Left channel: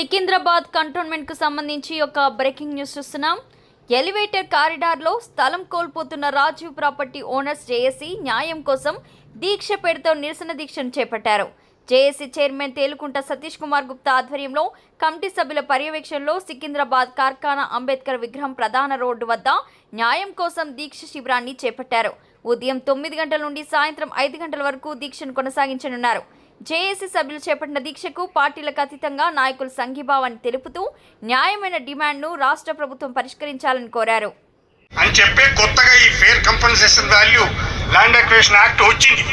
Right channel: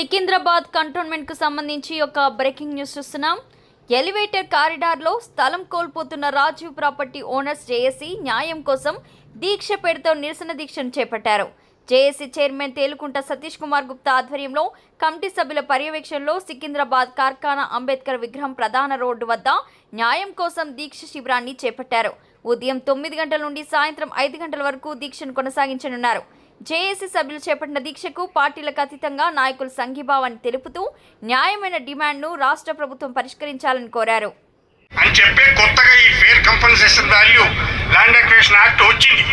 Secunderabad cantonment కు సంబంధించి ఒక బ్రేకింగ్ న్యూస్ చూస్తున్నాం. ఎలివేటర్ కారిడార్ లో స్థలం కోల్పోతున్న రాజీవ్ ప్రాపర్టీ ఓనర్స్ జేఏసీ న్యాయం కోసం దీక్ష పేరుతో నిరసన దీక్షను చేపట్టారు. జేఏసీ చైర్మన్ తేలుకుంట సతీష్ కుమార్ గుప్తా ఆధ్వర్యంలో కమిటీ సభ్యుల పర్యవేక్షణలో సికింద్రాబాద్ కార్ఖానా అంబేద్కర్ విగ్రహం ప్రధాన రోడ్డు వద్ద న్యాయం కోసం దీక్ష శిబిరాన్ని చేపట్టారు. ఉదయం 9 గంటల నుండి సాయంత్రం 5 గంటల వరకు దీక్షను కొనసాగించనున్నారు. జేఏసీ సభ్యులు చేపట్టిన దీక్షకు పార్టీలకు అతీతంగా నాయకులు సంఘీభావాన్ని తెలుపుతూ న్యాయమైన డిమాండ్ను రాష్ట్ర ప్రభుత్వం పరిష్కరించాలని కోరారు. అని చెప్పి కొత్తగా ఈ fair compensation value land acquisition act వచ్చింది.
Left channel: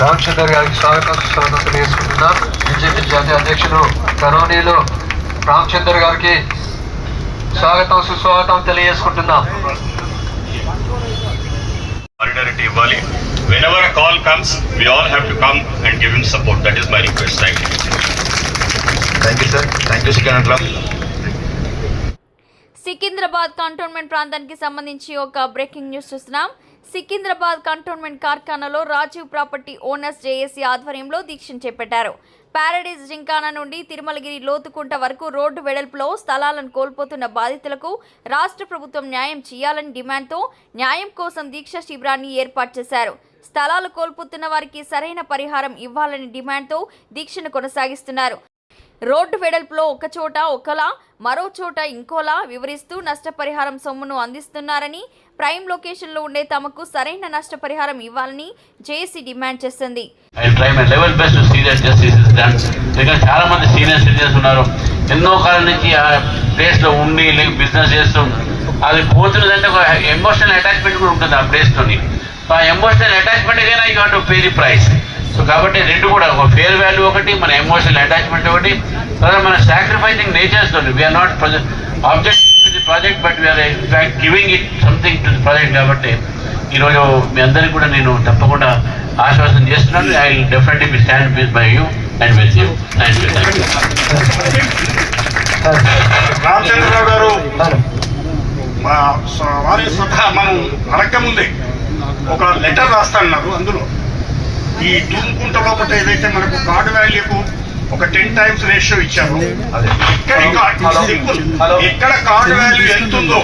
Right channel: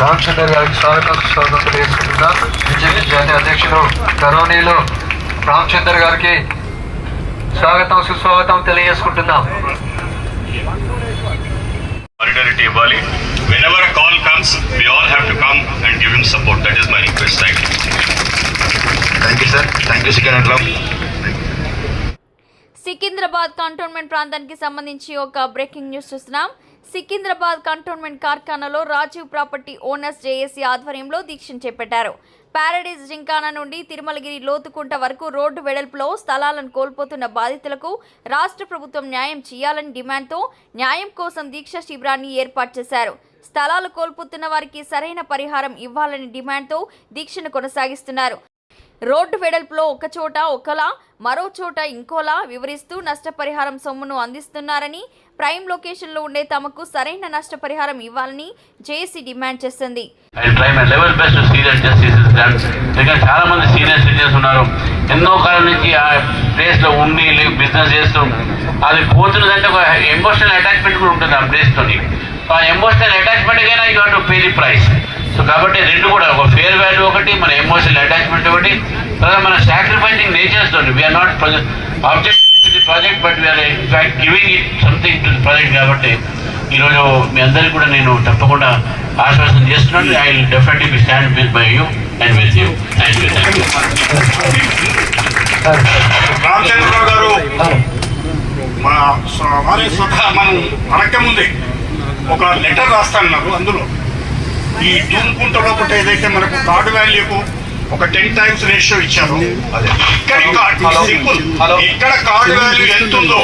రామచందర్ గారికి స్వాగతం తెలియజేస్తున్నాం. బీజేపీ జాతీయ అధ్యక్షులు గౌరవనీయులు రామచందర్ గారికి స్వాగతం సుస్వాగతం తెలియజేసుకుంటున్నాం. Solidarity ఇవ్వాలి. Whenever a call comes, we all have to come and give him support. That is my request. Thank you, sir. Thank you, Sikanatlam. Secunderabad cantonment ప్రాంతానికి సంబంధించి ఒక బ్రేకింగ్ న్యూస్ చూస్తున్నాం. సికింద్రాబాద్ కంటోన్మెంట్ కార్ఖానాలో రాజీవ్ ప్రాపర్టీ ఓనర్స్ జేఏసీ ఆధ్వర్యంలో దీక్షను చేపట్టారు. Paradise gymkhana నుండి తిరుమలగిరి లోతుకుంట వరకు రోడ్డు వెడల్పులో స్థలాలను కోల్పోతున్న బాధితులకు రాష్ట్ర ప్రభుత్వం న్యాయం చేయాలని డిమాండ్తో న్యాయం కోసం దీక్ష శిబిరాన్ని ఏర్పాటు చేశారు. స్థలాలు కోల్పోతున్న వారికి సరైన పరిహారం ఇవ్వాలని డిమాండ్తో దీక్షను కొనసాగిస్తున్నారు. రోడ్డు వెడల్పులో ఒక చోట ఒకలా మరో చోట ఇంకోలా వివరిస్తూ నష్టపరిహారం సొమ్మును అందిస్తున్నారని, ప్రైమ్ లొకేషన్లో ఉండే తమకు సరైన నష్టపరిహారం ఇవ్వాలని జేఏసీ డిమాండ్ చేస్తుంది. చాలా మంది సీనియర్ సిటిజన్స్ ఉన్నారు. ఎన్నో కాలం నుంచి ఆ ప్లేస్ లో ఉండి బిజినెస్ చేస్తూ అది పోతున్నదంటే ఒక ఎమోషనల్ అటాచ్మెంట్ కూడా ఉంటుంది ఆ ప్లేస్ తోని. ఆ ఎమోషనల్ అటాచ్మెంట్ గానే you have to pay the price. So కాబట్టి రెండు కూడా ఒక ఫేర్ వాల్యూ ఒకటి, మన ఎమోషనల్ అటాచ్మెంట్ ఒకటి, మన సాక్రిఫైసింగ్ నేచర్స్ తోటి. We're not object to the project but we're in fact giving it something to the project. కాబట్టి ఈరోజు మీ అందరికీ కూడా నేను తప్పకుండా ఆశ్వాసన చేస్తున్నాను. I definitely be stand with by you and with you. Thank you. Ramachandrarao గారు మా వారి స్వతహా మనం అడగకముందే ఒక లెటర్ రాస్తాన్నారు. అందులో ఈ దుమ్ముకుంటలో ఒకటి ఏదైతే మనకు కార్డు వాల్యూకు ఒక 10 times రేషియో ఇచ్చారు. ఎక్కడ కార్డు వాల్యూ ఎంత ఉందో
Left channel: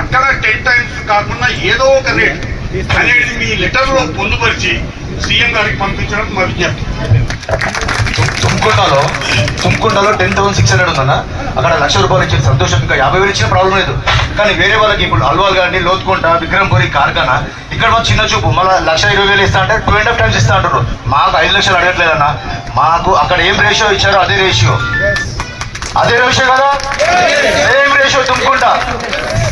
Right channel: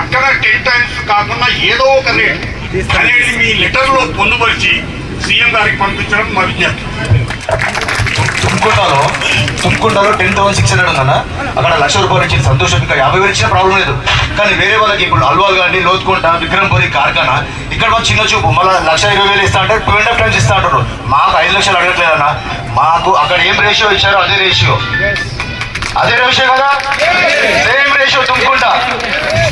అక్కడ 10 times కాకుండా ఏదో ఒక రేట్ అనేది మీ లెటర్ లో పొందుపరిచి సీఎం గారికి పంపించడం మా విజ్ఞప్తి. తుమ్కుంటలో 10,600 ఉందన్న. అక్కడ 1,00,000 రూపాయలు ఇచ్చింది సంతోషం. ఇంకా 50,000 ఇచ్చిన ప్రాబ్లం లేదు. కానీ వేరే వాళ్ళకి ఇప్పుడు అల్వాల్ కానీ లోతుకుంట విక్రమ్పురి కార్ఖానా ఇక్కడ మాకు చిన్న చూపు. మళ్ళీ 1,20,000 ఇస్తా అంటే 2.5 times ఇస్తా అంటారు. మాకు 5 లక్షలు అడగట్లేదన్న. మాకు అక్కడ ఏం రేషియో ఇచ్చారో అదే రేషియో కదా, సేమ్ రేషియో తుమ్కుంట.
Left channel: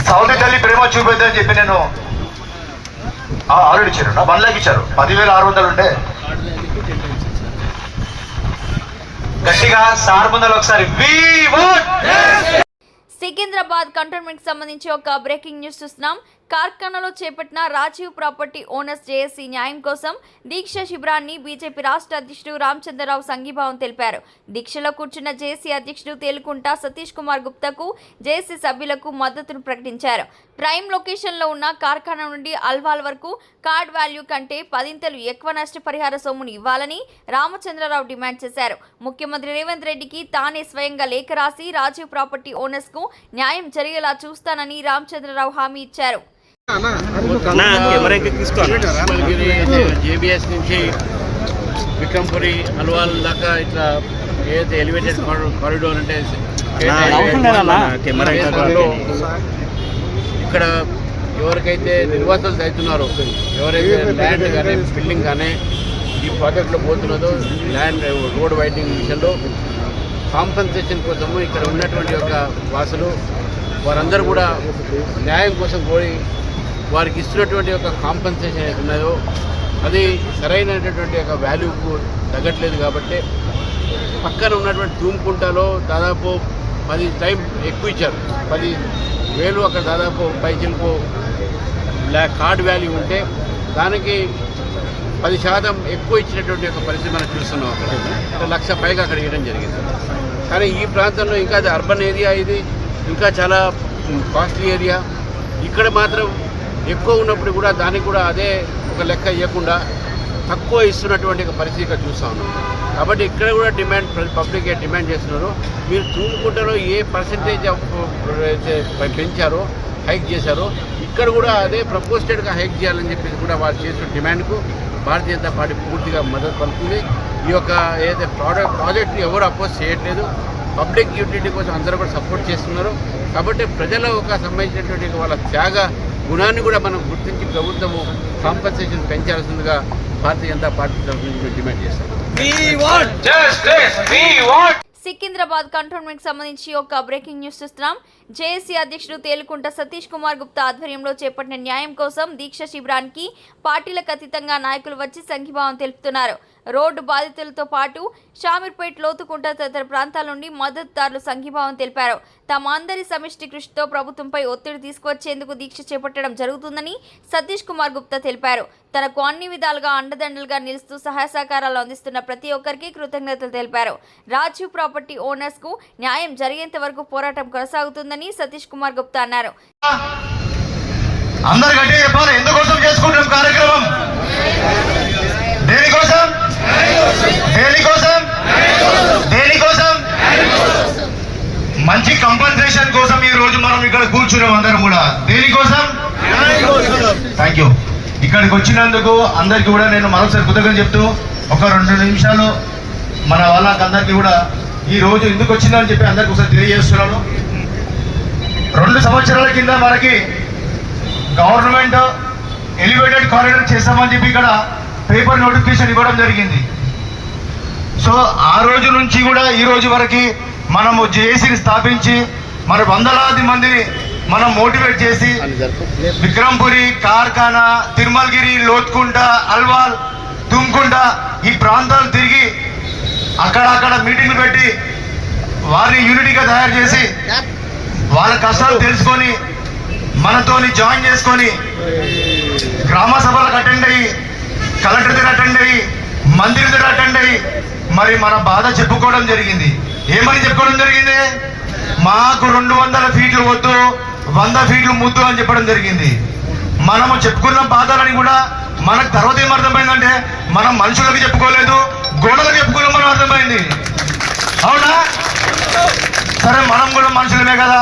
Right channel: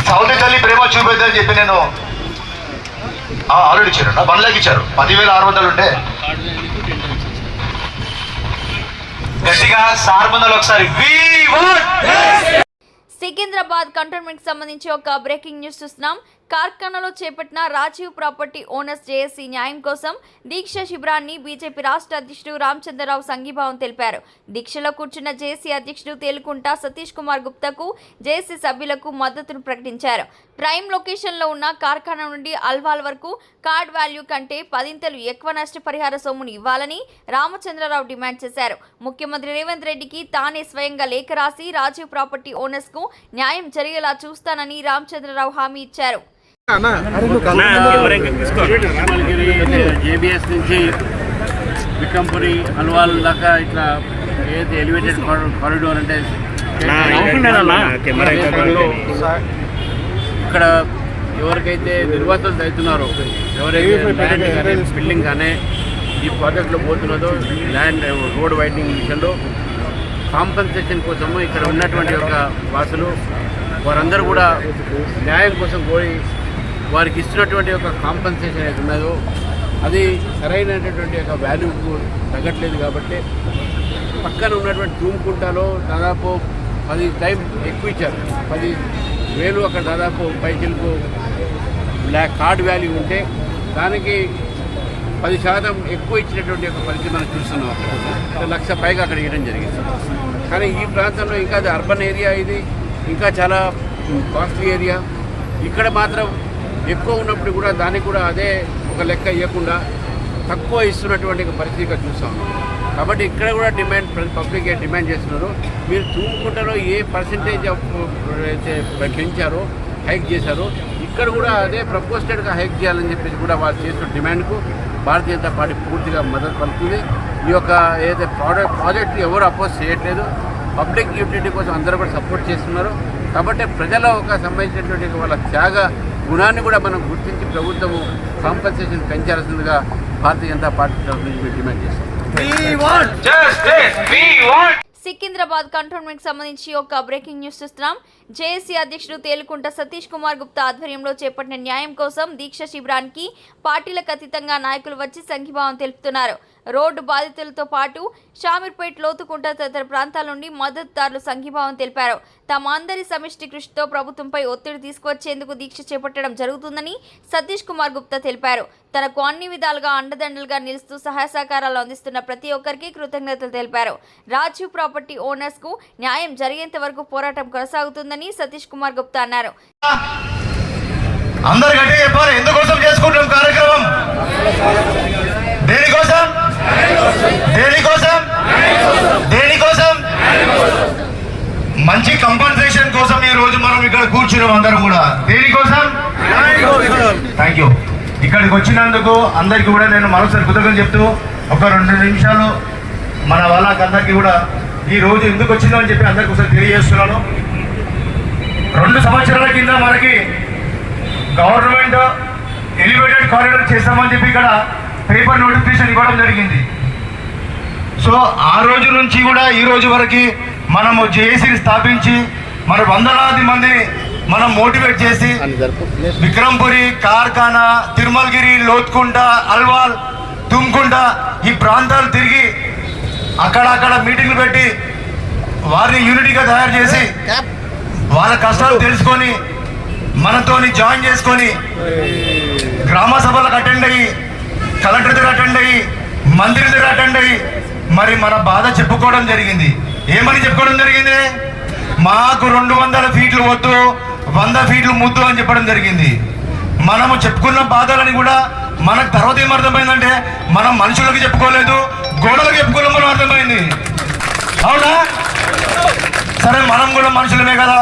సౌదీ తల్లి ప్రేమ చూపిద్దని చెప్పి నేను ఆల్రెడీ ఇచ్చారు. 1 lakh ఇచ్చారు. 10,600 ఉంటే గట్టిగా 600 ఒకసారి. సికింద్రాబాద్ కంటోన్మెంట్ కి సంబంధించి ఒక బ్రేకింగ్ న్యూస్ చూస్తున్నాం. కార్ఖానాలో చేపట్టిన రాజీవ్ ప్రాపర్టీ ఓనర్స్ జేఏసీ న్యాయం కోసం దీక్ష శిబిరాన్ని బీజేపీ రాష్ట్ర అధ్యక్షుడు రామచంద్రరావు సంఘీభావం తెలిపారు. దీక్షలో కూర్చున్న జేఏసీ అధ్యక్షుడు తేలుకుంట సతీష్ కుమార్ గుప్తాకు జేఏసీ సభ్యులకు మద్దతును ప్రకటించారు. ప్రైమ్ లొకేషన్లో ఉన్న కార్ఖానా నుండి అల్వాల్ వరకు కార్డ్ వాల్యూ కంటే 10 ఎక్కువ నష్టపరిహార సొమ్మును ఇవ్వాలని రామచంద్రరావు డిమాండ్ చేశారు. ముఖ్యమంత్రి రేవంత్ రెడ్డికి తానే స్వయంగా లేఖ రాసి రాజీవ్ ప్రాపర్టీ ఓనర్స్ కు న్యాయం జరిగేలా చూస్తానని రామచంద్రరావు హామీ ఇచ్చారు. జేబీఎస్ నుంచి విక్రంపురి అల్వాల్ దాకా ఇట్లా ఏదైతే ఎలివేటెడ్ కారిడోర్ అంటే ఇక్కడ ఎవరికైతే నిర్వాసాలు అవుతున్నారో, ఎవరైతే ల్యాండ్ కానీ బిల్డింగ్ కానీ ఈ ప్రాజెక్ట్లో పోతున్నదో ల్యాండ్ రోడ్ వైడనింగ్ విషయంలో కాంపన్సేషన్ కోసము ఇక్కడ ఉన్నటువంటి యొక్క వాసులు వారందరూ కూడా న్యాయం కోసం కోరి వారికి ఇస్తున్నటువంటి ఒక కాంపన్సేషన్ ఏది ఉన్నదో అది సరైనటువంటి ఒక వాల్యూకు తగ్గట్లేదు. కాబట్టి పక్కన ఉన్నటువంటి తుమ్కుంటలో దాదాపు 10 times ఎక్కువ ఇచ్చారు. 10,000 అక్కడ దాదాపు పైచిలకు కార్డ్ వాల్యూ ఉంటే దానికి 10% ఎక్కువ ఇచ్చినటువంటి ఒక పరిస్థితి మనం చూస్తున్నాం. అక్కడ 1,00,000 పైగా అక్కడ ఇవ్వడం జరిగింది. కానీ ఈ ప్రాంతంలో ఇంకా అది అర్బన్ ఏరియా, ఇది ఇంకా చాలా కాస్ట్లీ ఏరియా. ఇక్కడ మాత్రం ఎక్కువ ఉన్నప్పుడు కూడా దానికి కూడా అదే ఒక లెక్క ఇవ్వకుండా తక్కువ ఇస్తున్నటువంటి ఒక పరిస్థితి ఇక్కడ చూస్తూ ఉన్నాం. కాబట్టి ఇక్కడ కూడా పబ్లిక్ డిమాండ్ చేస్తున్నారు. మీరు తూముకుంటారో ఏ పర్సంటేజ్ పెంచారో హైక్ చేశారో ఇక్కడ కూడా అదే ప్రపోజ్డ్గా హైక్ చేయాలని చెప్పేసి కూడా వాళ్ళు చేస్తున్న డిమాండ్కు భారతీయ జనతా పార్టీ పూర్తిగా మద్దతు పలుకుతుంది. ఈ యొక్క ఏదైతే ప్రాజెక్ట్ని ఎవరు అపోజ్ చేయట్లేదు, పబ్లిక్ యూటిలిటీ కోసం అందరూ కూడా సపోర్ట్ చేస్తున్నారు. కాబట్టి ప్రజల ఒక సంబంధించినటువంటి వాళ్ళ త్యాగ గుణాన్ని కూడా మనం గుర్తించి ప్రభుత్వము కాంపన్సేషన్ పెంచాల్సిందిగా భారతీయ జనతా పార్టీ తరఫు నుంచి మేము డిమాండ్ చేస్తాం. సికింద్రాబాద్ కంటోన్మెంట్ సంబంధించి ఒక బ్రేకింగ్ న్యూస్ చూస్తున్నాం. జేఏసీ అధ్యక్షుడు తేలుకుంట సతీష్ కుమార్ గుప్తా ఆధ్వర్యంలో చేపట్టిన న్యాయం కోసం దీక్ష శిబిరానికి పార్టీలకు అతీతంగా నాయకులు వచ్చి సంఘీభావం తెలుపుతున్నారు. రోడ్డు బాధితులతో పాటు షామీర్పేట్, లోతుకుంట తదితర ప్రాంతాల నుండి మద్దతుదారులు సంఘీభావం తెలిపారు. తమ అందరి సమిష్టి కృషితో ప్రభుత్వంపై ఒత్తిడి తీసుకువచ్చేందుకు దీక్ష చేపట్టడం జరుగుతుందని సతీష్ కుమార్ గుప్తా తెలిపారు. తనకు అన్ని విధాలుగా అండదండలుగా నిలుస్తూ సహాయ సహకారాలు అందిస్తున్న ప్రతి ఒక్కరికి కృతజ్ఞతలు తెలిపారు. రాజీవ్ ప్రాపర్టీ ఓనర్స్ కు న్యాయం జరిగేంత వరకు పోరాటం కొనసాగుతుందని సతీష్ కుమార్ గుప్తా అన్నారు. అందరు గట్టిగా చెప్పాలి. ఎందుకోసం చేసుకుంటాం కార్యక్రమం? దేనికోసం? దేనికోసం? మంచి కంపన్సేషన్ కోసం ఈ రోజు మనం ఇక్కడ కూర్చున్నాం అందరం కూడా. దేనికోసం? Thank you. ఇక్కడికి వచ్చినందుకు అందరికి కూడా నేను మరోసారి కృతజ్ఞతలు చెప్తూ ఒక 2 నిమిషాలు మన వాళ్ళకందరికీ కూడా ఈ రోజు ఎందుకు వచ్చిందో అని చెప్పి అందరికి ఒకసారి తెలియజేస్తున్నాను. 2 సంవత్సరాల కింద మనకి గవర్నమెంట్ ఎలివేటెడ్ కారిడార్ చేస్తామని చెప్పి ఇక్కడ పేపర్ నోటిఫికేషన్ ఇవ్వడం జరిగింది. సో ఆ రోజు నుంచి కూడా ఈ రోజు వరకు మనము జేఏసీని స్థాపించి మరి వందలాది మందిని మనం మోటివేట్ చేసి విక్రమ్పురి, కార్ఖానా, తిరుమలగిరి, లోత్కుంట, అల్వాల్, తుమ్కుంట ఈ ప్రాంతాలు తిరిగి అక్కడ మీటింగ్లు పెట్టి వారిని యూనిటీగా తయారు చేసి వాళ్ళ కష్టాలు తెలుసుకొని మనతోని జాయిన్ చేసుకొని గ్రామ సభలకు అటెండ్ అయ్యి, కలెక్టర్ దగ్గర అటెండ్ అయ్యి, మంత్రి దగ్గర అటెండ్ అయ్యి మరి మన బాధ చెప్పుకోవడం జరిగింది. ఏమని చెప్పుకోవడం జరిగింది? మాకు 200 ఫీట్లు వద్దు, 100 ఫీట్లు ముద్దు అని చెప్పడం జరిగింది. మనము చెప్పుకున్న బాధలని కూడా మనకు తర్వాత ఏమర్థమైందంటే మనం మనుషులకు చెప్పుకోలేదు, గోడలకు చెప్పుకోలేమని అర్థమైంది. అవునా? సరే, మనం కూడా మనుషులమే కదా.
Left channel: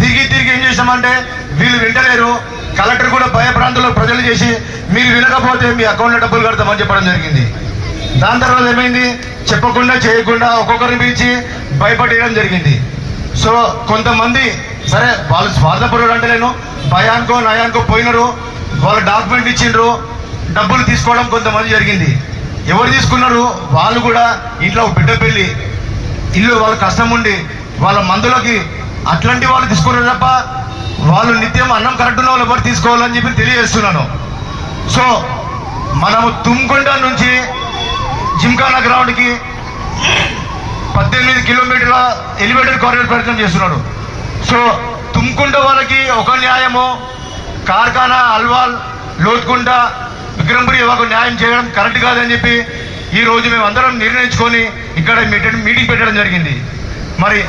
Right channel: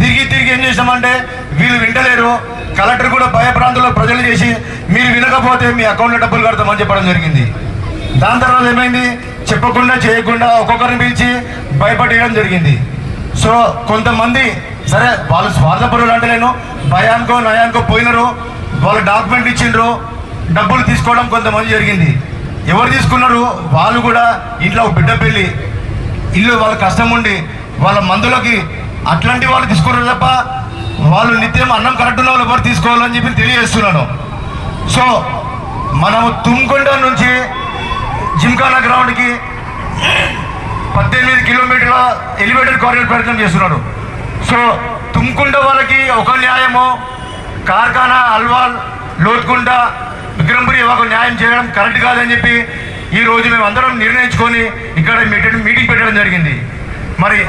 తిరిగి ఏం చేసామంటే వీళ్ళు వింటలేరు, కలెక్టర్ కూడా భయప్రాంతంలో ప్రజలు చేసి మీరు వినకపోతే మీ అకౌంట్లో డబ్బులు కడతామని చెప్పడం జరిగింది. దాని తర్వాత ఏమైంది? చెప్పకుండా చేయకుండా ఒక్కొక్కరిని పిలిచి భయపడేయడం జరిగింది. సో కొంతమంది సరే వాళ్ళు స్వార్థపరులు అంటలేను, భయానికో నయానికో పోయినారు, వాళ్ళు డాక్యుమెంట్ ఇచ్చిండ్రు, డబ్బులు తీసుకోవడం కొంతమంది జరిగింది. ఎవరు తీసుకున్నారు? వాళ్ళు కూడా ఇంట్లో బిడ్డ పెళ్ళి, ఇల్లు వాళ్ళ కష్టం ఉండి వాళ్ళ మందులకి అట్లాంటి వాళ్ళు తీసుకోరు తప్ప వాళ్ళు నిత్యం అన్నం కరెక్ట్ ఉన్న వాళ్ళు ఎవరు తీసుకోవాలని చెప్పి తెలియజేస్తున్నాను. సో మనము తుమ్కుంట నుంచి జిమ్ఖానా గ్రౌండ్కి 18 కిలోమీటర్ల ఎలివేటెడ్ కారిడార్ ప్రయత్నం చేస్తున్నాడు. సో తుమ్కుంట వాళ్ళకి ఒక న్యాయము, కార్ఖానా, అల్వాల్, లోత్కుంట, విక్రమ్పురి ఒక న్యాయం చేయడం కరెక్ట్ కాదని చెప్పి ఈ రోజు మేము అందరం నిర్ణయించుకొని ఇక్కడ మీటింగ్ పెట్టడం జరిగింది. మరి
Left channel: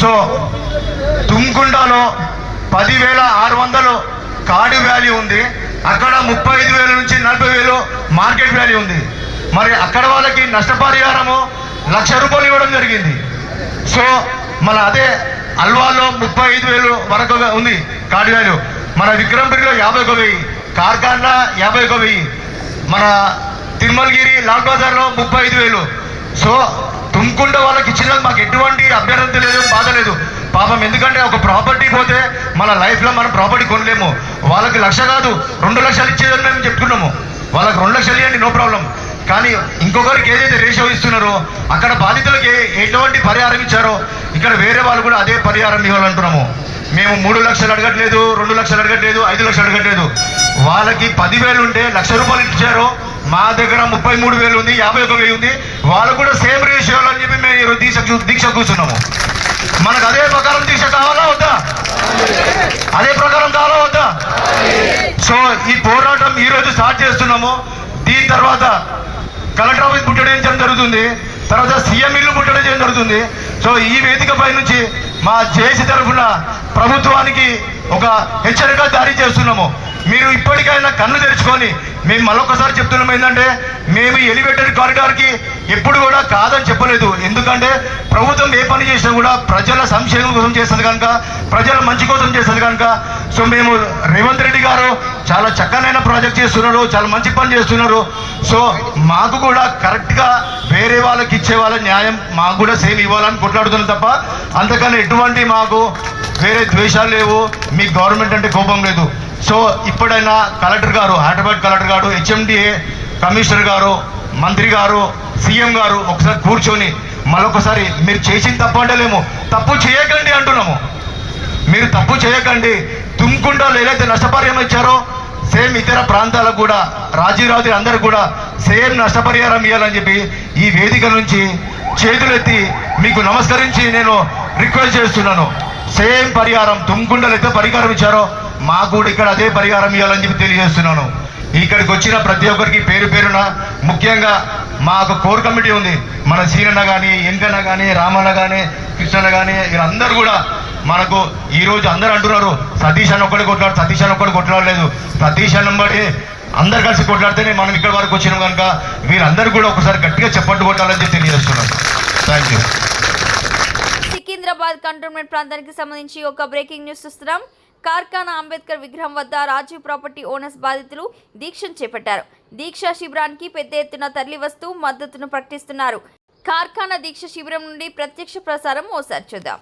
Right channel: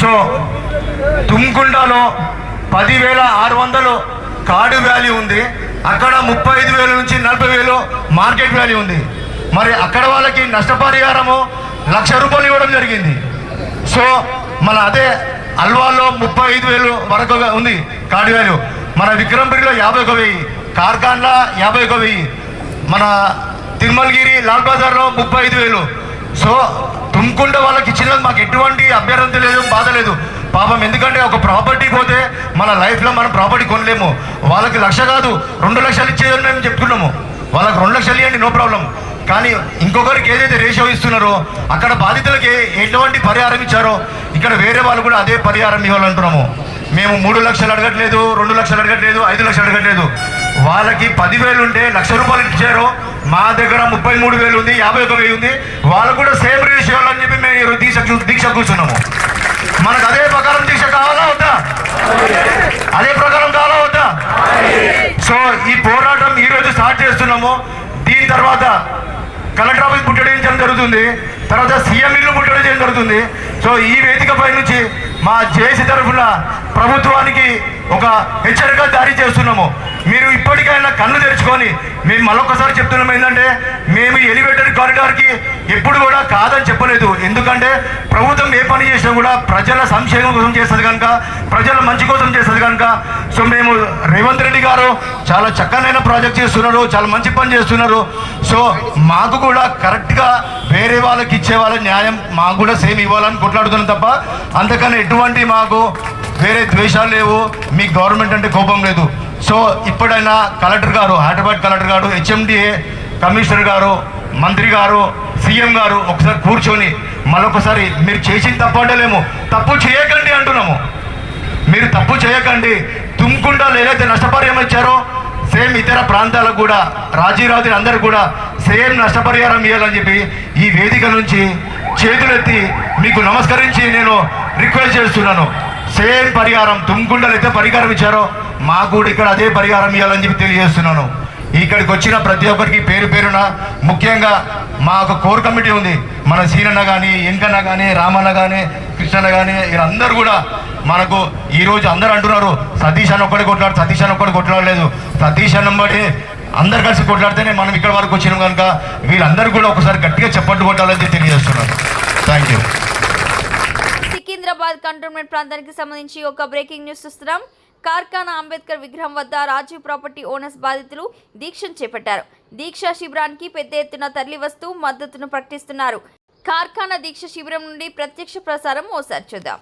సో తుమ్కుంటలో 10,600 కార్డు వాల్యూ ఉంది, అక్కడ 35,000 నుంచి 40,000 మార్కెట్ వాల్యూ ఉంది. మరి అక్కడ వాళ్ళకి నష్టపరిహారము ₹1,00,000 ఇవ్వడం జరిగింది. సో మన అదే అల్వాల్లో 35,000 వరకు ఉంది కార్డు వాల్యూ, మన విక్రమ్పురిలో 51,000, కార్ఖాన్లో 51,000, మన తిరుమలగిరి, లాల్ బజార్లో 35,000. సో తుమ్కుంట వాళ్ళకి ఇచ్చినది మాకు ఎటువంటి అభ్యర్థన లేదు, బాధ లేదు పాపం. ఎందుకంటే ఒక ప్రాపర్టీ పోతే మన లైఫ్లో మనం ప్రాపర్టీ కొనలేము. వాళ్ళకి 1,00,000 కాదు 2 లక్షలు ఇచ్చేదని మేము చెప్తున్నాము. వాళ్ళకి 2 లక్షలు ఇవ్వండి, నో ప్రాబ్లం. కానీ ఇంకొకరికి ఏదైతే రేషియో ఇస్తున్నారో అక్కడ బాధితులకి ఎటువంటి పరిహారం ఇచ్చారో ఇక్కడ వేరే వాళ్ళు కూడా అదే పరిహారం ఇవ్వాలంటున్నాము. మేము 3 లక్షలు అడగట్లేదు, 2 లక్షలు అడగట్లేదు, 5 లక్షలు అడగట్లేదు. వాళ్ళకి 10,000 ఉంటే ₹1,00,000 ఇచ్చారు. మా దగ్గర 33,000 ఉంది, 51,000 ఉంది. వాళ్ళు కూడా సేమ్ రేషియో అని చెప్పి మేము దీక్ష కూర్చున్నాము. మనకు అదే ప్రకారం దీక్ష కావాలా వద్దా? అదే ప్రకారం కావాలా వద్దా? సో ఈ పోరాటం ఈ రోజు స్టార్ట్ చేస్తున్నాము. దీని తర్వాత కలెక్టర్ ఆఫీస్ ముట్టడించడం జరుగుతుంది, తర్వాత సీఎం ఇల్లు ముట్టడించడం జరుగుతుంది. సో ఈ వేదికపై నుంచి మా జేఏసీ తరఫున ప్రభుత్వానికి హెచ్చరిక జారీ చేస్తున్నాము. మీరు ఇప్పటికైనా కన్ను తెరుచుకొని మేము మరొకసారి చెప్తున్నాం ఏంటంటే మేము ఎలివేటెడ్ కారిడార్కి ఎప్పుడు కూడా కాదని చెప్పలేదు. ఎందుకంటే ప్రభుత్వం ఏ పని చేసినా కూడా ప్రజల సంక్షేమం కోసం చేస్తుంది కనుక, ప్రజల మంచి కోసం చేస్తుంది కనుక. సో మేము రేవంత్ రెడ్డి గారు చాలా చక్కనైన ప్రాజెక్ట్ చేస్తున్నారు, చాలా మంచి పని చేస్తున్నారు. సో మాకు కూడా కరెక్ట్గా వేరే వాళ్ళకి ఇచ్చే వాళ్ళ న్యాయం మాకు కూడా సేమ్ ఇవ్వాలని కొట్లాడుతున్నాం తప్ప అంతకన్నా ఎటువంటి మాకు వేరే ద్వేషాలు లేవు, మీ గవర్నమెంట్ అంటే కోపం లేదు. సో ఇప్పుడైనా కలెక్టర్ గారు, హైదరాబాద్ కలెక్టర్ గారు, హెచ్ఎండిఏ కమిషనర్ గారు, మంత్రి గారు, సీఎం గారు ఒకసారి కూర్చొని మరొకసారి మీరు చేసిన తప్పు అంటలేము, తప్పు చేయకండి అంటున్నాము. మీరు తప్పు చేయకండి. తుమ్కుంటలో ఏదైతే నష్టపరిహారం ఇచ్చారో సేమ్ ఇతర ప్రాంతాలకు కూడా రాజీవ్ అందరికి కూడా సేమ్ నష్టపరిహారం ఇవ్వాలని చెప్పి ఈ వేదిక నుంచి చేతులెత్తి మీకు నమస్కరించి నేను రిక్వెస్ట్ చేస్తున్నాను. సేమ్ పరిహారం తుమ్కుంటలో అయితే పరిహారం ఇచ్చారో మాకు కూడా ఇక్కడ అదే పరిహారం ఇవ్వాలని చెప్పి తెలియజేస్తున్నాను. ఇక్కడికి వచ్చిన ప్రతి ఒక్కరికి పేరు పేరున, ముఖ్యంగా మాకు కోర్ కమిటీ ఉంది. మన సీనన్న కానీ, ఎంకన్న కానీ, రామన్న కానీ, కృష్ణన్న కానీ వీళ్ళందరూ కూడా మనకు ఈరోజు అందరూ అంటున్నారు సతీష్ అన్న ఒక్కడే కొట్లాడు, సతీష్ అన్న ఒక్కడే కొట్లాడలేదు. సతీష్ అన్న బట్టి అందరు కలిసి కొట్లాడితేనే మనం ఇక్కడ వరకు వచ్చినాం కనుక వీళ్ళందరూ కూడా ఒకసారి గట్టిగా చెప్పట్టు కొట్టాలని చెప్పి తెలియజేస్తున్నాను. Thank you. సికింద్రాబాద్ కంటోన్మెంట్ ప్రాంతానికి సంబంధించి ఒక బ్రేకింగ్ న్యూస్ చూస్తున్నాం. కార్ఖానా అంబేద్కర్ విగ్రహం వద్ద రాజీవ్ ప్రాపర్టీ ఓనర్స్ బాధితులు దీక్షను చేపట్టారు. దీక్షా శిబిరానికి పెద్ద ఎత్తున తరలివస్తూ మద్దతును ప్రకటిస్తున్నారు. కార్ఖానా దీక్ష శిబిరం నుండి ప్రత్యక్ష ప్రసారం ఓసారి చూద్దాం.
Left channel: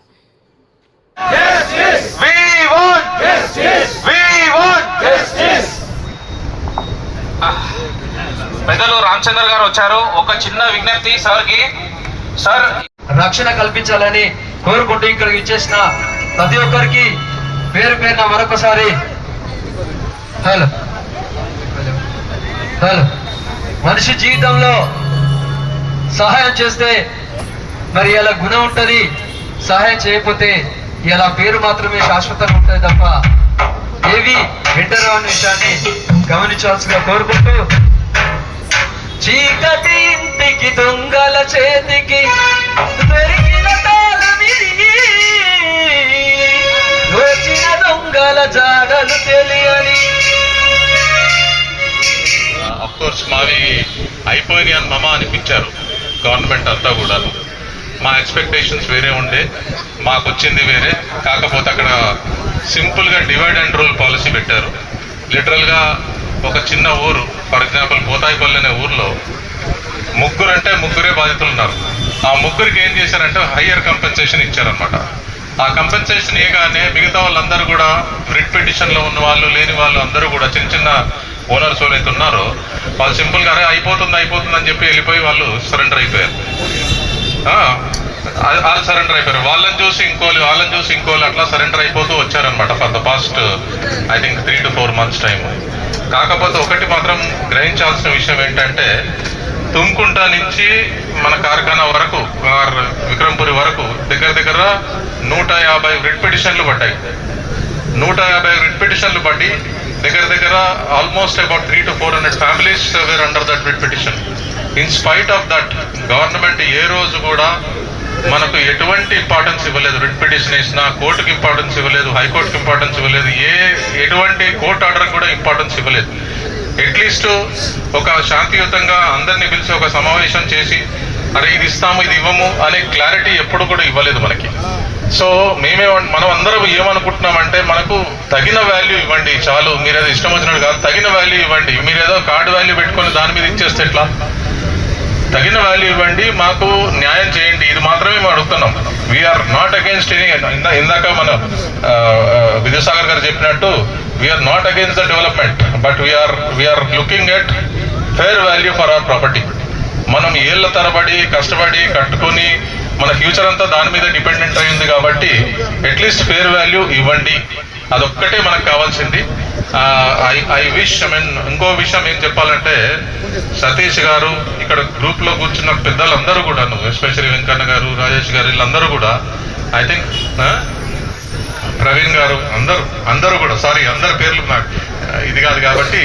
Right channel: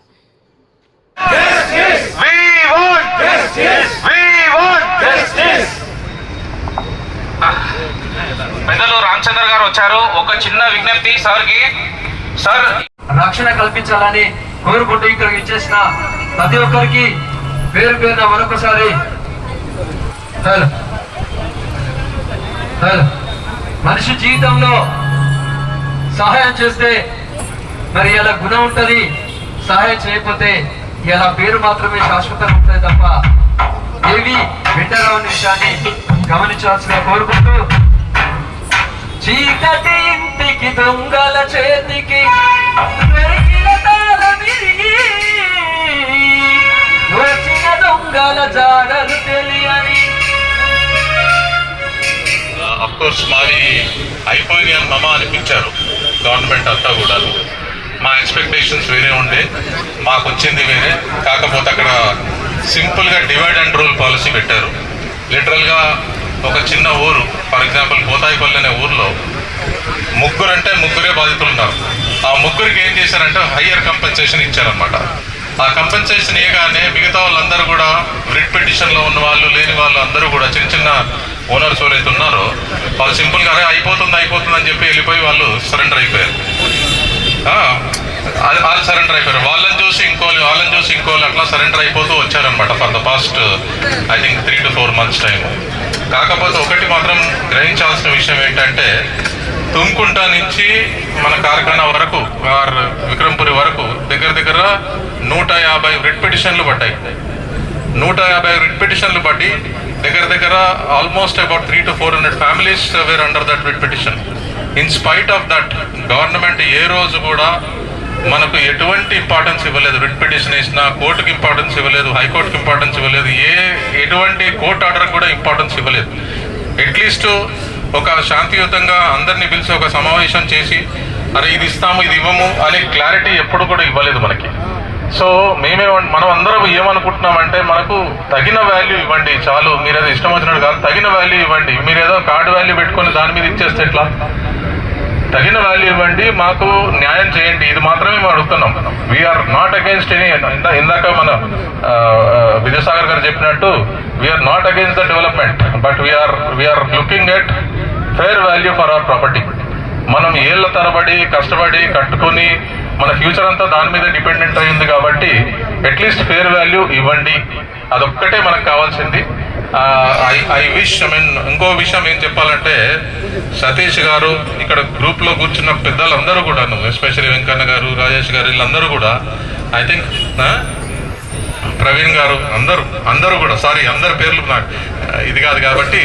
పెద్దలు రామచంద్ర గారు వచ్చారు. ఒక చిన్న విజ్ఞప్తి సార్కి. సార్, రక్షణ కల్పించాలని కోరుకుంటూ ఇక్కడికి ఇచ్చేసిన ప్రతి ఒక్కరికి పేరు పేరున మరొకసారి మనిషి జీవితంలో సహాయం చేస్తే మరి ఇలా గుణం ఉంటుంది, సహాయం చేయకపోతే ఇలా పేరు మాత్రమే శాశ్వతంగా ఉంటుంది తప్ప ఏవి వింటరాని విషయాన్ని గమనించాల్సిందిగా కోరుకుంటూ, చీకటి ఇంటికి దొంగల చేతికి దొరికిన తాళమిరిగి, వచ్చిన దొంగల జాడలు తెలియని. అఫ్కోర్స్ మరి అయిపోయింది అని మమ అనిపించారు గవర్నమెంట్ అంతా కూడా. మా ఎక్స్పెక్టేషన్స్ వేరే ఉండే, మాకు వచ్చింది వేరే. కాకపోతే అక్కడ సింపుల్గా డివైడ్ అండ్ రూల్ పాలసీ పెట్టారు. లిటరల్గా ఒక చిన్న ఊరు, ఫర్ ఎగ్జాంపుల్ బోతాయిపల్లి అనే ఊర్లో ముగ్గురే బాధితులు ఉన్నారు. ఆ ముగ్గురికి ఏం చేశారంటే హయ్యర్ కంపెన్సేషన్ ఇచ్చారనమాట. ఆ కంపెన్సేషన్ ఇవ్వగానే మిగతా వాళ్ళందరూ కూడా రిట్ పిటిషన్లో ఉన్న వాళ్ళు, లేని వాళ్ళు అందరూ కూడా చిన్న చిన్న ఓనర్స్ ఎవరైతే ఉన్నారో వాళ్ళు సింపుల్గా అయిపోతుంది అని చెప్పి వెళ్ళిపోయి వాళ్ళు సరెండర్ అయిపోయారు. వాళ్ళు సరెండర్ అయిపోయారు. వాళ్ళని చూసి ఇంకోళ్ళు అట్లా సరెండర్ అయిపోతూ వచ్చారనమాట for the past I think 3 to 4 months time. కాకపోతే ఒకటి మాత్రం గ్రహించాల్సిన విషయం ఏంటంటే తుమ్కుంట నుంచి మన కార్ఖానా వరకు విక్రమ్పురి వరకు దగ్గర 150 రిట్ పిటిషన్లు పడ్డాయి. 150 రిట్ పిటిషన్లు పడి దగ్గర almost about 300 to 400 families where under that writ petition. In spite of that government ఏ రోజు కూడా మనకు ఎటువంటి ఇంపార్టెన్స్ ఇవ్వలేదు. రిట్ పిటిషన్ వేసినా కోర్టుకి ఇంపార్టెన్స్ ఇవ్వలేదు, హైకోర్టుకి ఇంపార్టెన్స్ ఇవ్వలేదు, ఎటువంటి కోర్టు ఆర్డర్ కూడా ఇంపార్టెన్స్ ఇవ్వలేదు. అట్లీస్ట్ ఒక శాంతియుతంగా అందరినీ పిలిచి ఒక సమావేశం చేసి అరే ఇది ఇస్తాము ఇది ఇవ్వము అనే క్లారిటీ ఎప్పుడు కూడా ఇవ్వలేదు మనకి. సో మనం అందరం ఏమనుకుంటున్నామంటే మనకు తగిన వాల్యూ ఇవ్వండి చాలు, మీరు ఏదో ఇష్టం వచ్చినట్టు కాదు, తగిన వాల్యూ ఇవ్వండి. మీరు ఏదో కార్డు వాల్యూ పెట్టుకొని దాని మీద ఇచ్చేస్తే ఎట్లా? తగిన వాల్యూ ఇవ్వండి, మాకు న్యాయం చేయండి, ఇది మాత్రమే మేము అడుగుతున్నాం. We're not against any. ఇందాక మన విద్యాసాగర్ గారు చెప్పినట్టు we're not against the development, but we're looking at fair value for our property. మనం ఏళ్ల తరబడి కష్టపడి కట్టుకొని మన ఫ్యూచర్ అంతా దాని మీద డిపెండెంట్ అయింది కాబట్టి అట్లీస్ట్ ఫెయిర్ వాల్యూ ఇవ్వండి, అదొక్కటే మనకు కావాల్సింది. ఐ విష్ ఇంకో విషయం ఏం చెప్పాలంటే సతీష్ గారు ఇక్కడ గ్రూప్ లో కూర్చున్న పెద్దలందరూ కూడా, ఎస్పెషల్లీ వెంకన్న గారు, రాజేష్ గారు, వీళ్ళందరూ కూడా ఐ థింక్ ప్రవీణ్ గారు అందరూ కూడా, సారీ అందరి పేర్లు నాకు ఇది కాదు కాబట్టి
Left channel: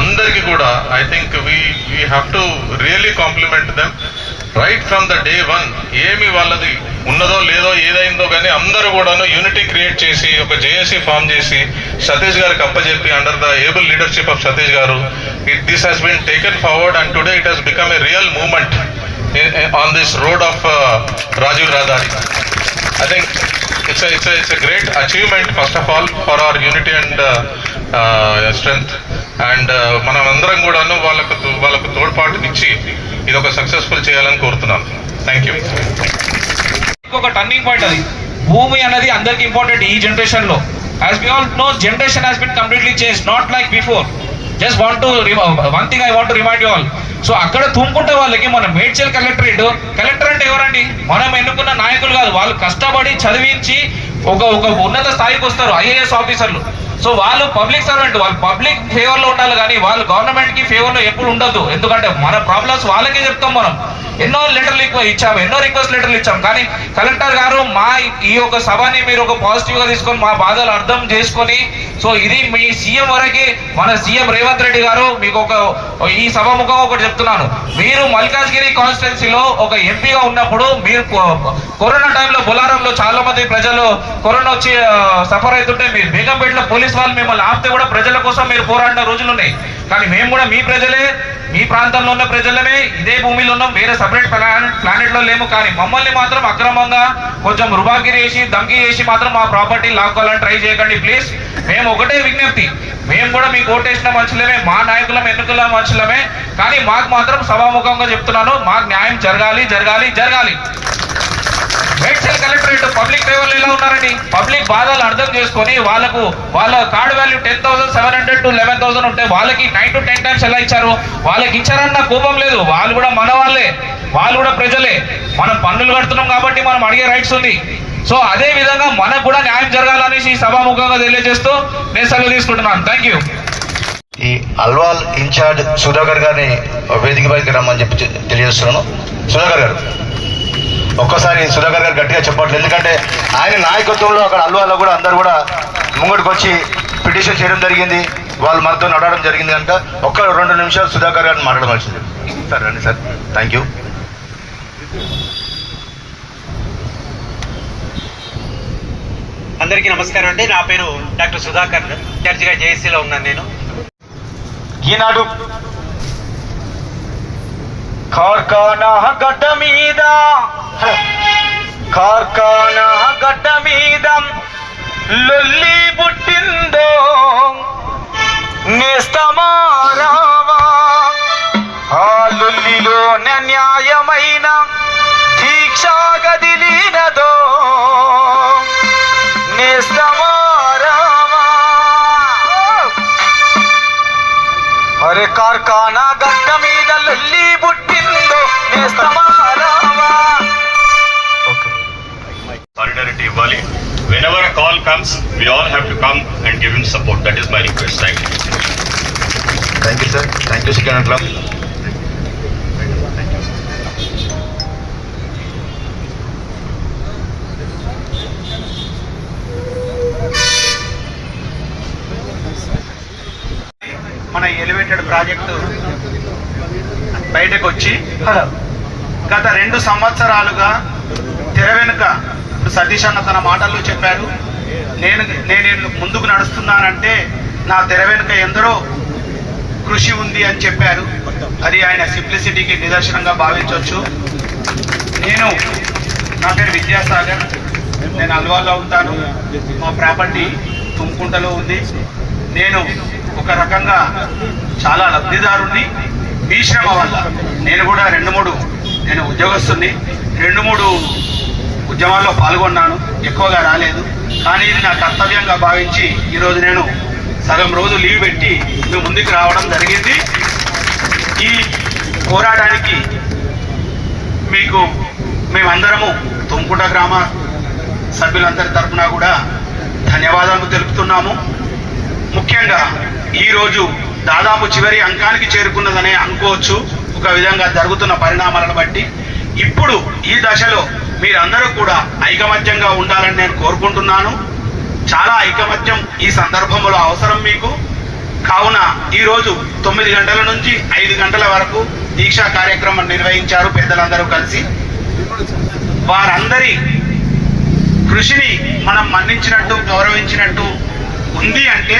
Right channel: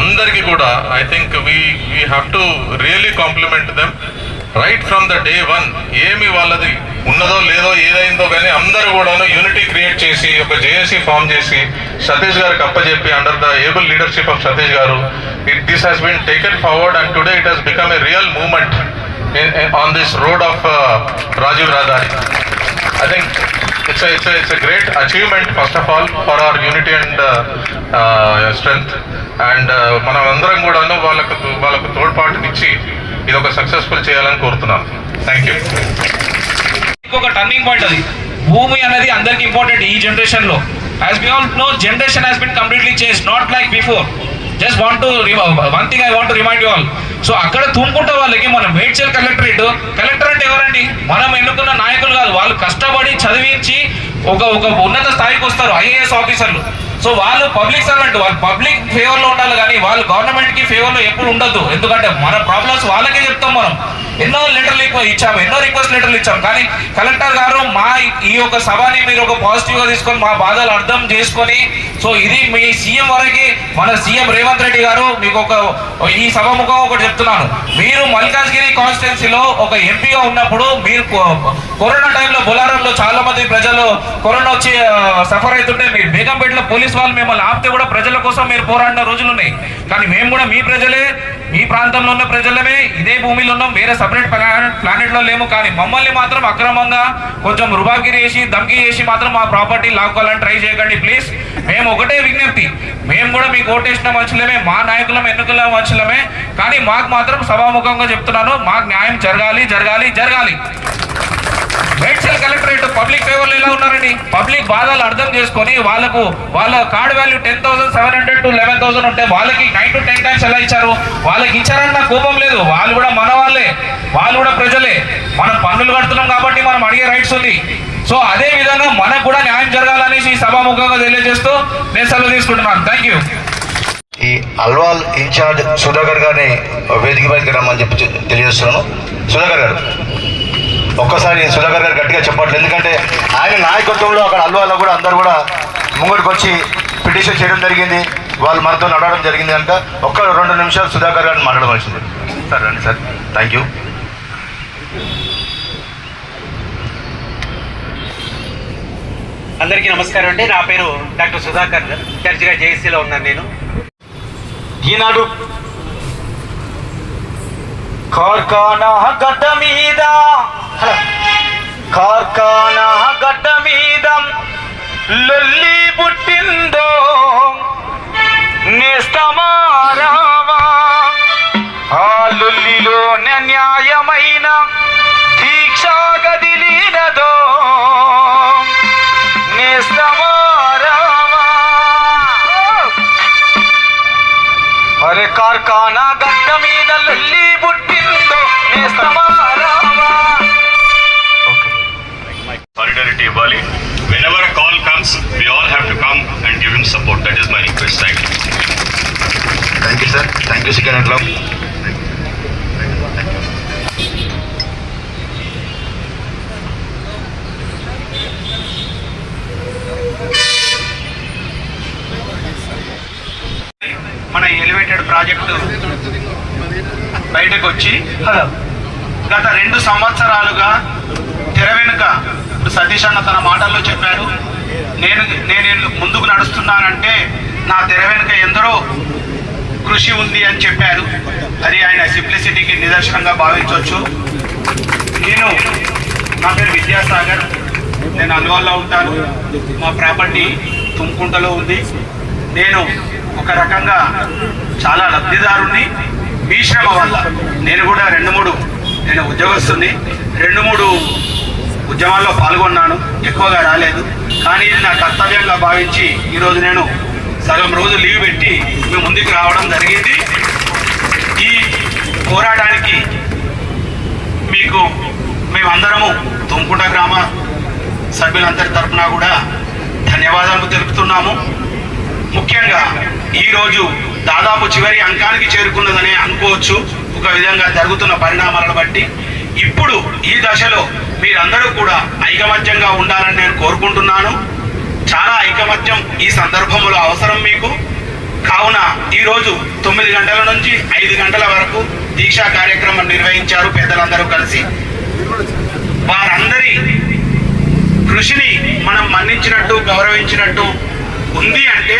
అందరికీ కూడా I think we have to really compliment them right from the day 1. ఏమి వాళ్ళది ఉన్నదో లేదో ఏదైందో కానీ అందరూ కూడాను యూనిటీ క్రియేట్ చేసి ఒక జేఏసీ ఫామ్ చేసి సతీష్ గారికి అప్పచెప్పి under the able leadership of Satish garu this has been taken forward and today it has become a real movement on this road of Rajiv Rahadari. I think it's a great achievement first of all for our unity and strength and మనం అందరం కూడాను వాళ్ళకు తోడ్పాటుకి ఇచ్చి ఇది ఒక successful చేయాలని కోరుతున్నాను. Thank you. ఇంకొక టర్నింగ్ పాయింట్ అది. భూమి అనేది అందరికి ఇంపార్టెంట్ ఈ జనరేషన్ లో. As we all know generation has been completely change, not like before. Just want to one thing I want to remind you all. So అక్కడ తుమ్ముకుంటే వాళ్ళకి మనం మేడ్చల్ కలెక్టరేట్ అంటే ఎవరండి? మనం ఎన్నుకున్న నాయకులు కాదు, వాళ్ళు కష్టపడి చదివించి ఒక ఉన్నత స్థాయికి వస్తారు ఐఏఎస్ ఆఫీసర్లు. సో వాళ్ళు పబ్లిక్ సర్వెంట్, వాళ్ళు పబ్లిక్ ఫేవర్ లో ఉండాలి కానీ వాళ్ళు గవర్నమెంట్ కి ఫేవర్ లో ఎప్పుడు ఉండదు. ఎందుకంటే మన ప్రాబ్లమ్స్ వాళ్ళకే చెప్తాం. మనం ఎన్నో లెటర్లు ఇచ్చాము, ఎన్నో రిక్వెస్ట్ లెటర్లు ఇచ్చాము, కానీ కలెక్టర్ గారు మా ఈ యొక్క సభని మీరు ఒక పాజిటివ్ గా తీసుకొని మా బాధలు అర్థం చేసుకొని, సో ఇది మీ సీఎం వరకు మన సీఎం రేవంత్ రెడ్డి గారు మీకు ఒక ఈ సభముఖం ఒకటి చెప్తున్నాను. మీరు మల్కాజ్గిరి కాన్స్టిట్యున్సీలో ఒక ఎంపీగా ఉన్నప్పుడు మీరు కరోనా టైంలో బొలారంలో చాలా మంది ప్రజలు కరోనా వచ్చి సఫర్ అవుతుంటే మీరు బేగంపేటలో పోలీస్ వాళ్ళు మిమ్మల్ని ఆపితే కూడా ప్రజల కోసం మీరు పోరాడిన రోజులు ఉన్నాయి. కానీ మేము కూడా మీ ప్రజలే, మీ ప్రాంతంలో ఉన్న ప్రజలమే, ఇదే భూమిలో ఉన్నాం, వేరే సపరేట్ ప్లానెట్ లో లేము. కానీ మమ్మల్ని మాత్రం అక్రమంగా కొంచెం రుబాగిరి చేసి ధమ్కి చేసి మాత్రం మా ప్రాపర్టీ లాక్కోవాలని ట్రై చేయకండి ప్లీజ్. మేము ఒకటే విజ్ఞప్తి, మేము కూడా మీకు ఓటేసిన మనుషులమే, మా నాయకులం ఎన్నికల మనుషులమే, కానీ మాకు మాత్రం సభాముఖంగా చెప్తున్నాను, మాకు న్యాయం జరగాలి జరగాలి జరగాలి. మేడ్చల్ కలెక్టరేట్ పబ్లిక్ ఫేవర్లు ఎలా ఉన్నారండి? పబ్లిక్ బాధలు అర్థం చేసుకొని వాళ్ళ కార్డ్ వాల్యూ 10,700 to 11,000 ఉంటే వాళ్ళకి 9 to 10 times ఎలా ఇచ్చారు? వాళ్ళకి ఇచ్చారన్న కోపం లేదు. వాళ్ళు కూడా మన వాళ్ళే, వాళ్ళు కూడా ప్రజలే. మనం పన్నులు కడుతున్నాం కాబట్టి మనం అడిగే రైట్స్ ఉంది. సో అదే విధంగా మనకు కూడా న్యాయం జరగాలనేసి ఈ సభాముఖంగా తెలియజేస్తూ నేను సెలవు తీసుకుంటున్నాను. Thank you. ఈ అల్వాల్ ఇన్ఛార్జ్ సుధాకర్ గారిని వేదిక పైకి రమ్మని చెప్పి తెలియజేస్తున్నాను. సుధాకర్ గారు ఒక్కసారి సుధాకర్ గారు గట్టిగా చెప్పట్లేదు, ఎందుకంటే ఆయన నాయకత్వంలో అక్కడ అల్వాల్లో కూడా అందరూ కూడా ముంగడికి వచ్చి పిటిషన్ చేయడం జరిగింది, వాళ్ళు మనతో నడవడం జరిగింది కనుక ఒక్క 2 నిమిషాలు సుధాకర్ గారిని మాట్లాడవలసింది. సార్ రండి సార్. Thank you. అందరికీ నమస్కారం అండి. నా పేరు డాక్టర్ సుధాకర్, ఇన్ఛార్జిగా జేఏసీలో ఉన్నాను నేను. ఈనాడు కార్ఖానా గడ్డ మీద లొల్లి పుట్టిందో నేస్తమారావా, ఆ లొల్లిలో న్యాయమైన దీక్ష గదిలినదో నేస్తమారావా. అరే కార్ఖానా గడ్డ మీద లొల్లి పుట్టిందో నేస్తమారావా. Solidarity ఇవ్వాలి. Whenever a call comes, we all have to come and give him support. That is my request. Thank you. Thank you, sir. Thank you, Second Club. మన ఎలివేటెడ్ ప్రాజెక్టు బయటకు వచ్చి గత 2 సంవత్సరాలుగా తెర వెనుక, ఇప్పుడు సతీష్ అన్న తన మాటల్లో చెప్పారు, నేను ముందుకు నడుస్తున్నానంటే నా తెర వెనుక ఎందరో కృషి ఉంది అని చెప్పారు. అది ఆయన సింప్లిసిటీకి నిదర్శనంగా భావించవచ్చు. నా పేరు విద్యాసాగర్, నేను అల్వాల్లో ఉంటాను, మా ప్రాపర్టీ తుమ్కుంటలో ఉంది. నేను ఒక రకంగా చాలా లబ్ధిదారుణ్ణి. మీ శ్రమ వల్ల నేను కూడా 2-3 నేను ఉద్యోగస్తుని 2-3 ఉద్యమాల్లో పాల్గొన్నాను, ఎక్కువగా రాలేదు. కానీ ఇది నా కర్తవ్యంగా భావించి ఈరోజు నేను సగం రోజు లీవ్ పెట్టి మీ ముందుకు రావడం జరిగింది. ఈ పోరాటానికి మీకు మేమందరము తుమ్కుంట గ్రామ సభ్యులందరి తరఫున కూడా ధన్యవాదాలు తెలుపుతున్నాము. ముఖ్యంగా ఈరోజు దాదాపు చివరి అంకానికి చేరుకున్నదనే అనుకోవచ్చు ఒక విధంగా జరుగుతున్న పరిణామాలను బట్టి. ఇప్పుడు ఈ దశలో మీరందరూ కూడా ఐకమత్యంగా ఉండాలని నేను కోరుకుంటున్నాను. చాలా ఐకమత్యం ఈ సందర్భంలో అవసరం మీకు. కావున ఈరోజు 9 గంటల నుంచి 5 గంటల వరకు దీక్షా కార్యక్రమం నిర్వహించారు పెద్దలందరూ కలిసి. వారందరి కృషిని మనం మన్నించినట్టు గౌరవించినట్టు ఉంది అంటే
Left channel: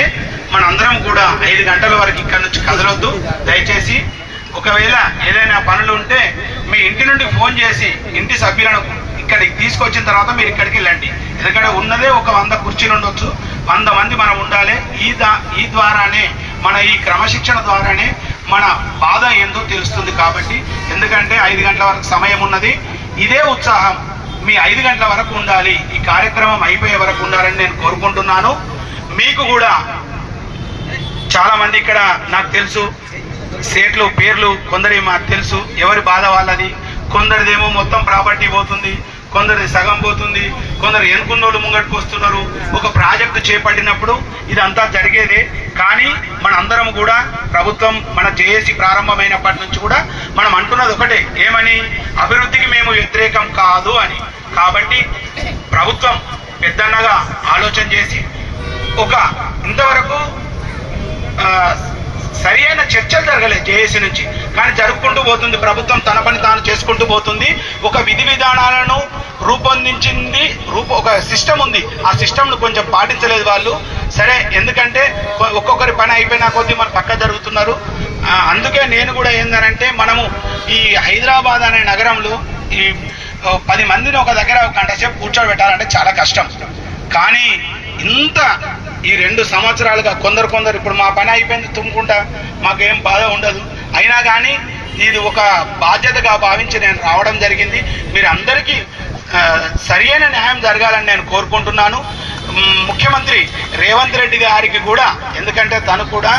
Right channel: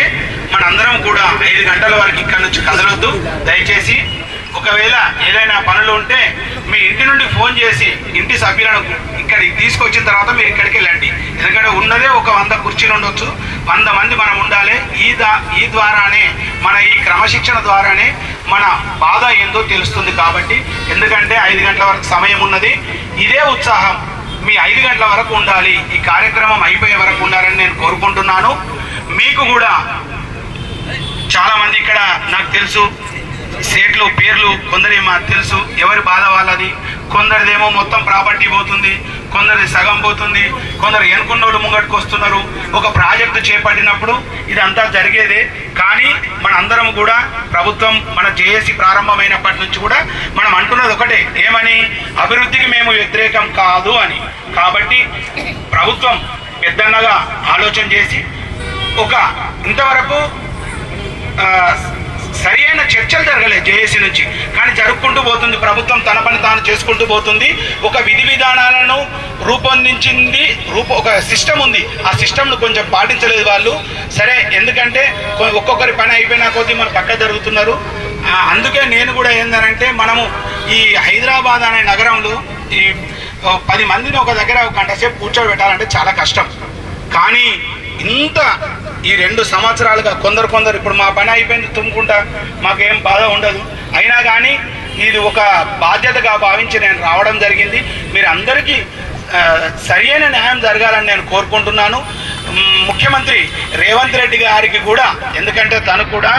మనందరం కూడా 5 గంటల వరకు ఇక్కడ నుంచి కదలొద్దు. దయచేసి ఒకవేళ ఏదైనా పనులు ఉంటే మీ ఇంటి నుండి ఫోన్ చేసి ఇంటి సభ్యులను ఇక్కడికి తీసుకొచ్చిన తర్వాత మీరు ఇక్కడికి వెళ్ళండి. ఎందుకంటే ఉన్నదే ఒక 100 కుర్చీలు ఉండొచ్చు, 100 మంది మనం ఉండాలి. ఈ ద్వారానే మన ఈ క్రమశిక్షణ ద్వారానే మన బాధ ఏందో తెలుస్తుంది. కాబట్టి ఎందుకంటే 5 గంటల వరకు సమయం ఉన్నది. ఇదే ఉత్సాహం మీ 5 గంటల వరకు ఉండాలి, ఈ కార్యక్రమం అయిపోయే వరకు ఉండాలని నేను కోరుకుంటున్నాను. మీకు కూడా చాలా మంది ఇక్కడ నాకు తెలుసు సేట్లు పేర్లు కొందరి మాకు తెలుసు, ఎవరి బాధ వాళ్ళది. కొందరిదేమో మొత్తం ప్రాపర్టీ పోతుంది, కొందరిది సగం పోతుంది, కొందరు ఎన్నుకున్నోళ్ళు ముంగట్టుకు వస్తున్నారు. ఒక ప్రాజెక్టు చేపట్టినప్పుడు ఇదంతా జరిగేదే. కానీ మనందరం కూడా ప్రభుత్వం మన జేఏసీ ప్రారంభమైనప్పటి నుంచి కూడా మనం అంటున్నది ఒకటే, ఏమని? అభివృద్ధికి మేము వ్యతిరేకం కాదు అని. కాబట్టి ప్రభుత్వం పెద్దన్నగా ఆలోచన చేసి ఒక ఇంతవరకు సరి అయిన చర్చలు జరగలేదు జేఏసీ నుంచి, కానీ జరుపుకుంటూ పోతుంది. ప్రభుత్వం తన పని తాను చేసుకుంటూ పోతుంది. ఒక విధి విధానాలను రూపొందించింది, ఒక సిస్టమ్ ఉంది. ఆ సిస్టమ్ను కొంచెం పాటించలేదు వాళ్ళు. సరే, ఎందుకంటే ఒక్కొక్కరి పని అయిపోయినా కొద్దీ మన పక్క జరుగుతున్నారు. అందుకే నేను కూడా ఏందనంటే, మనము ఈ హైదరాబాద్ అనే నగరంలో ఈ 10 మందిని ఒక దగ్గర ఒక గంట సేపు కూర్చోబెట్టాలంటే చాలా కష్టం. కానీ ఇంత ఈ 2 సంవత్సరాలుగా కొందరు ఇప్పుడు మా పని అయిపోయింది తుమ్ముకుంటా, మాకేం బాధ ఉండదు. అయినా కానీ ఇది ఒక బాధ్యతగా భావించి నేను రావడం జరిగింది. మీరు అందరికీ సరి అయిన న్యాయం జరగాలని నేను కోరుకుంటున్నాను. ముఖ్యమంత్రి రేవంత్ రెడ్డి గారికి కూడా, ఎందుకంటే తను కూడా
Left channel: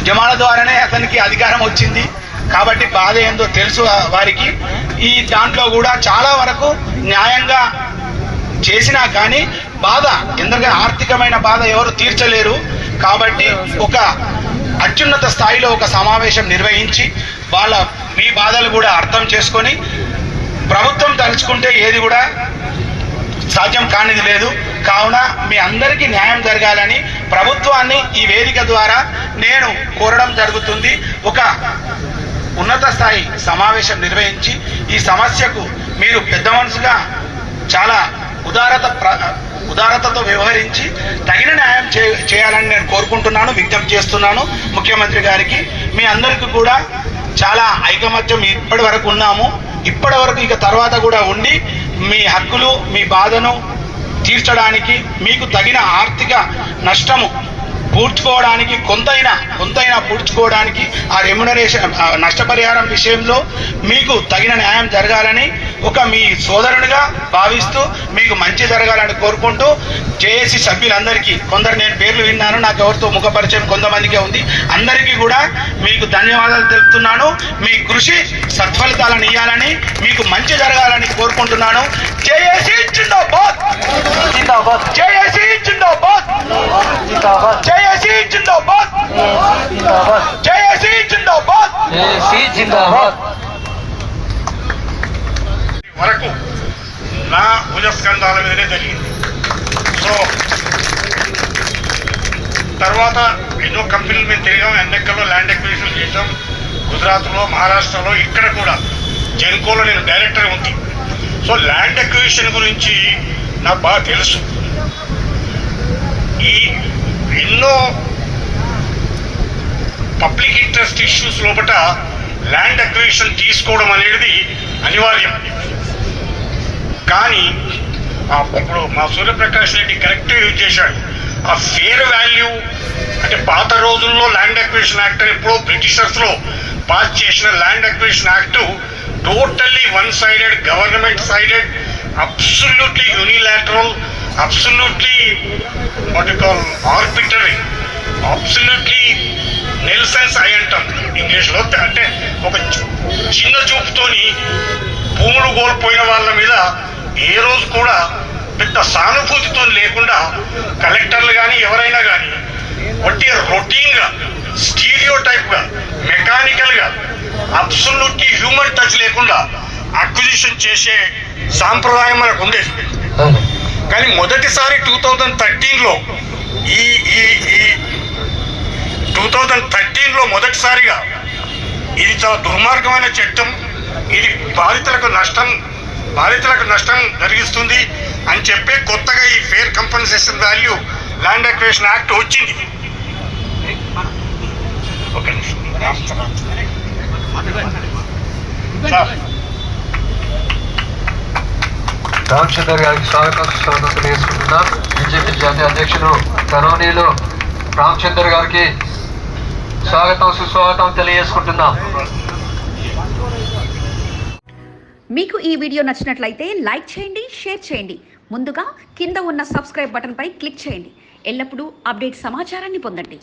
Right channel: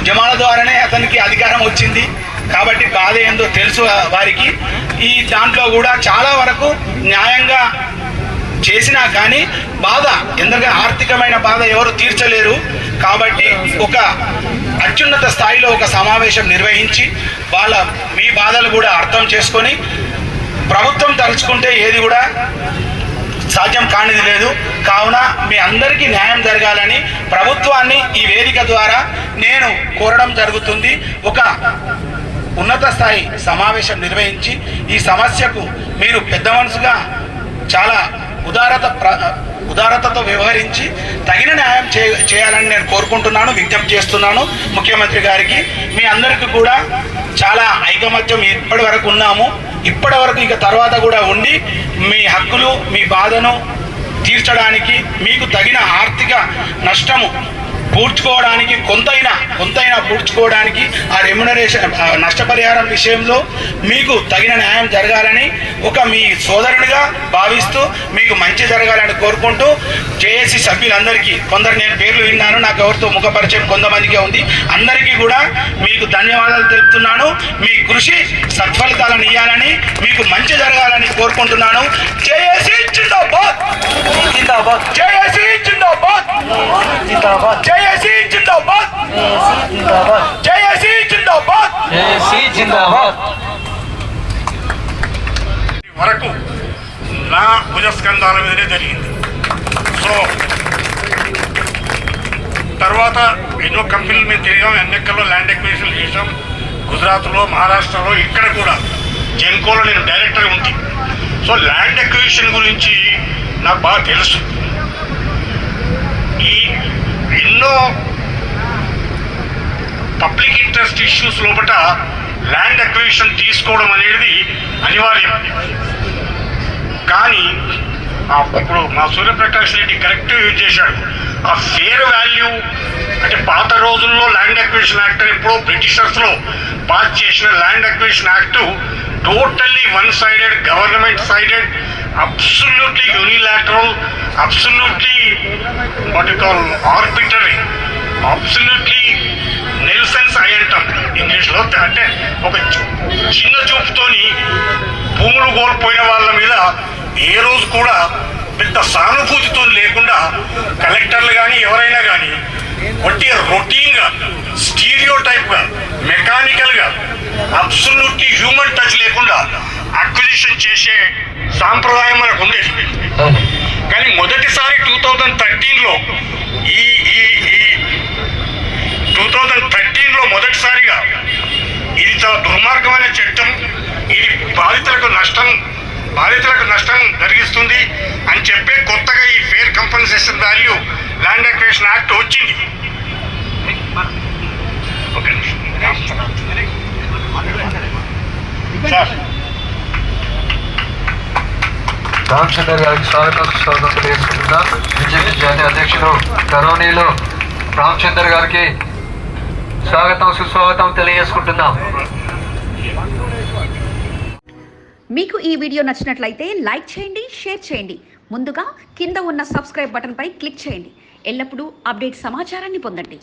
ఉద్యమాల ద్వారానే అతనికి అధికారం వచ్చింది కాబట్టి బాధ ఏందో తెలుసు వారికి. ఈ దాంట్లో కూడా చాలా వరకు న్యాయంగా చేసినా కానీ బాధ, ఎందుకంటే ఆర్థికమైన బాధ ఎవరు తీర్చలేరు. కాబట్టి ఒక అత్యున్నత స్థాయిలో ఒక సమావేశం నిర్వహించి మీ బాధలు కూడా అర్థం చేసుకొని, ప్రభుత్వం తలుచుకుంటే ఏది కూడా సాధ్యం కానిది లేదు. కావున మీ అందరికీ న్యాయం జరగాలని ప్రభుత్వాన్ని ఈ వేదిక ద్వారా నేను కోరడం జరుగుతుంది. ఒక ఉన్నత స్థాయి సమావేశం నిర్వహించి ఈ సమస్యకు మీరు పెద్ద మనసుగా చాలా ఉదారతతో వ్యవహరించి తగిన న్యాయం చేయాలని నేను కోరుకుంటున్నాను, విజ్ఞప్తి చేస్తున్నాను ముఖ్యమంత్రి గారికి. మీ అందరికీ కూడా చాలా ఐకమత్యం ఇప్పటి వరకు ఉన్నాము. ఇప్పటి వరకు ఇక తర్వాత కూడా ఉండి మీ హక్కులు, మీ బాధను తీర్చడానికి, మీకు తగిన ఆర్థిక నష్టము పూడ్చుకోవడానికి, కొంతైనా పూడ్చుకోవడానికి ఆ రెమ్యునరేషన్ నష్టపరిహారం విషయంలో మీకు తగిన న్యాయం జరగాలని మీ సోదరుడిగా భావిస్తూ మీకు మంచి జరగాలని కోరుకుంటూ జేఏసీ సభ్యులందరికీ, కొందరు నేను పేర్లు విన్నాను, నాకు ఎవరితో ముఖపరిచయం కొంతమందికే ఉంది, అందరికీ కూడా మీకు ధన్యవాదాలు తెలుపుతున్నాను. మీ కృషి సత్ఫలితాలను ఇవ్వాలని, మీకు మంచి జరగాలని కోరుకుంటున్నాను. జేఏసీ జిందాబాద్, జేఏసీ జిందాబాద్, జేఏసీ జిందాబాద్, జేఏసీ జిందాబాద్, జేఏసీ జిందాబాద్. వరకు నా భుజస్కంధాల మీదనే జరిగింది. సో తర్వాత ఎన్నో కంపెనీలు మేము తిరిగాం, ఎన్నెక్కడో ల్యాండ్ ఎక్విజిషన్ చేసాం. గుజరాత్లో, మహారాష్ట్రలో, ఇక్కడ కూడా జెన్కోలో నేను డైరెక్టర్ ఉంది. సో ల్యాండ్ ఎక్విజిషన్ గురించి నాకు బాగా తెలుసు. ఈ ఎన్నో పబ్లిక్ ఇంట్రెస్ట్ ఇష్యూస్ లోపల ల్యాండ్ అక్విజిషన్ తీసుకోవడం అనేది అనివార్యం. కానీ ఇప్పుడు మా సూర్యప్రకాష్ రెడ్డి కరెక్ట్ యూజ్ చేశాడు. ఆ ఫేర్ వాల్యూ అంటే పాత రోజుల్లో ల్యాండ్ అక్విజిషన్ యాక్ట్ ఎప్పుడో బ్రిటిషర్స్లో పాస్ చేసిన land acquisition act totally one sided, government sided, absolutely unilateral, absolutely what you call arbitrary, absolutely Nelson's I అంటాం ఇంగ్లీష్లో. అంటే ఒక చిన్న చూపుతోని భూములు కోల్పోయిన వాళ్ళ మీద ఏ రోజు కూడా పెద్ద సానుభూతితో లేకుండా కలెక్టర్లు కానీ ఎవరైనా కానీ ఒట్టి రొటీన్గా, స్టీరియో టైప్గా, మెకానికల్గా, అబ్సల్యూట్లీ హ్యూమన్ టచ్ లేకుండా అక్విజిషన్ చేసే సాంప్రదాయం మనకు ఉండేది. కానీ మొదటిసారి 2013లో ఈ 2013లో మొదటిసారిగా ఇది చాలా దుర్మార్గమైన చట్టం, ఇది బాధితులకు నష్టం బాధితులకు నష్టం జరిగిస్తుంది అని చెప్పే కొత్తగా ఈ fair compensation value land acquisition act వచ్చింది. ఒక నిమిషం. రామచంద్ర గారికి స్వాగతం తెలియజేసుకుంటున్నాం. బీజేపీ జాతీయ అధ్యక్షులు కరోనీలో రామచంద్ర గారికి స్వాగతం సుస్వాగతం తెలియజేసుకుంటున్నాం. మీకు ఈ వీడియో నచ్చినట్లయితే లైక్ చేయండి, షేర్ చేయండి. ముందుగా కింద ఉన్న సబ్స్క్రైబ్ బటన్పై క్లిక్ చేయండి. ఎల్లప్పుడూ అప్డేట్ సమాచారాన్ని పొందండి.